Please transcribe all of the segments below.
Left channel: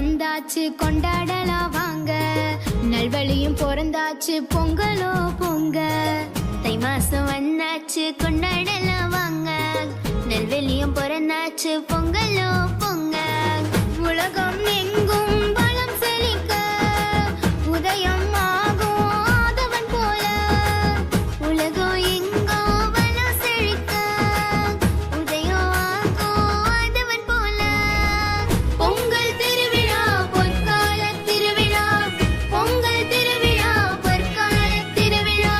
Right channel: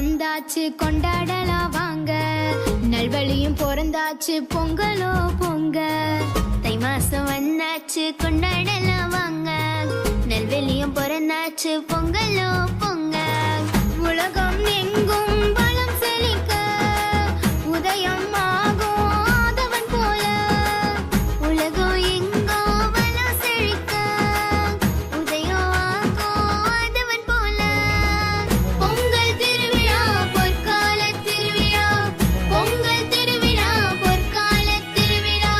வந்தாச்சு கொண்டாடலாம் வாங்க, நல்வழியும் பிறந்தாச்சு பொங்கலோ பொங்க. தை மாசம் வந்தாச்சு கொண்டாடலாம் வாங்க, நல்வழியும் பிறந்தாச்சு பொங்கலோ பொங்க. உலகம் எங்கும் பலம் செழிக்க உதயம் ஆகும் ஆதவன் போல, உலகம் எங்கோ பலம் செழிக்க உதயம் ஆகும் ஆதவன் போல. பொங்கல் திருவிழா பொற்கால திருவிழா, பொங்கல் திருவிழா பொற்கால திருவிழா.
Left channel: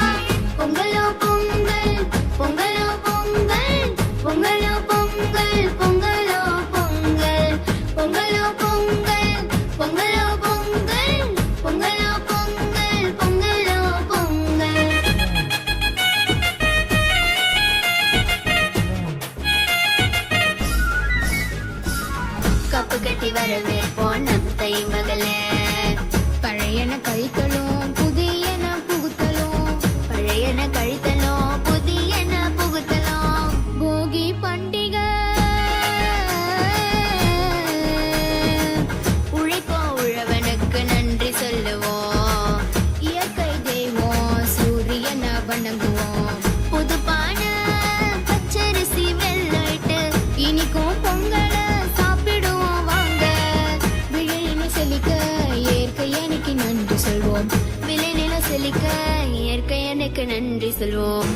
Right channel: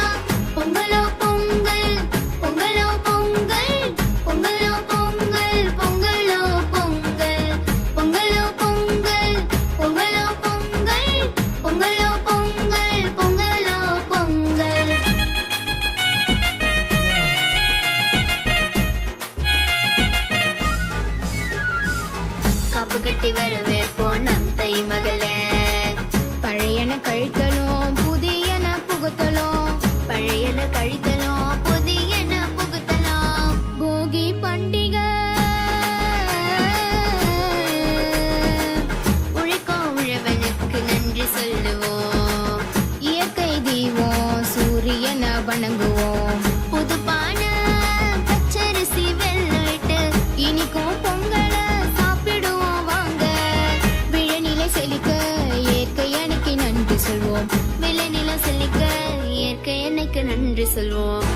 பொங்கலோ பொங்கல் பொங்கலோ பொங்கல், பொங்கலோ பொங்கல் பொங்கலோ பொங்கல், பொங்கலோ பொங்கல் பொங்கலோ பொங்கல், பொங்கலோ பொங்கல் பொங்கலோ பொங்கல். காப்பு கட்டி வரவேற்போம் நம் தை மகளே, பழையன கழித்தலும் புதியன புகுத்தலும், பழையன கழித்தலும் புதியன புகுத்தலும். போகி பண்டிகை உழைக்கும் உழவனுக்கு நன்றி சொல்லுவோம், இயற்கை தெய்வம் சூரியன வணங்குவோம். புதுப்பான பச்சரிசி வெள்ளிட்டு இனிக்கும் பொங்கல சாப்பிடுவோம் வாங்க. விழில செழிக்க இயற்கை எனக்கு நன்றி சொல்வோம், விழில செழிக்க இயற்கை எனக்கு நன்றி சொல்வோம்.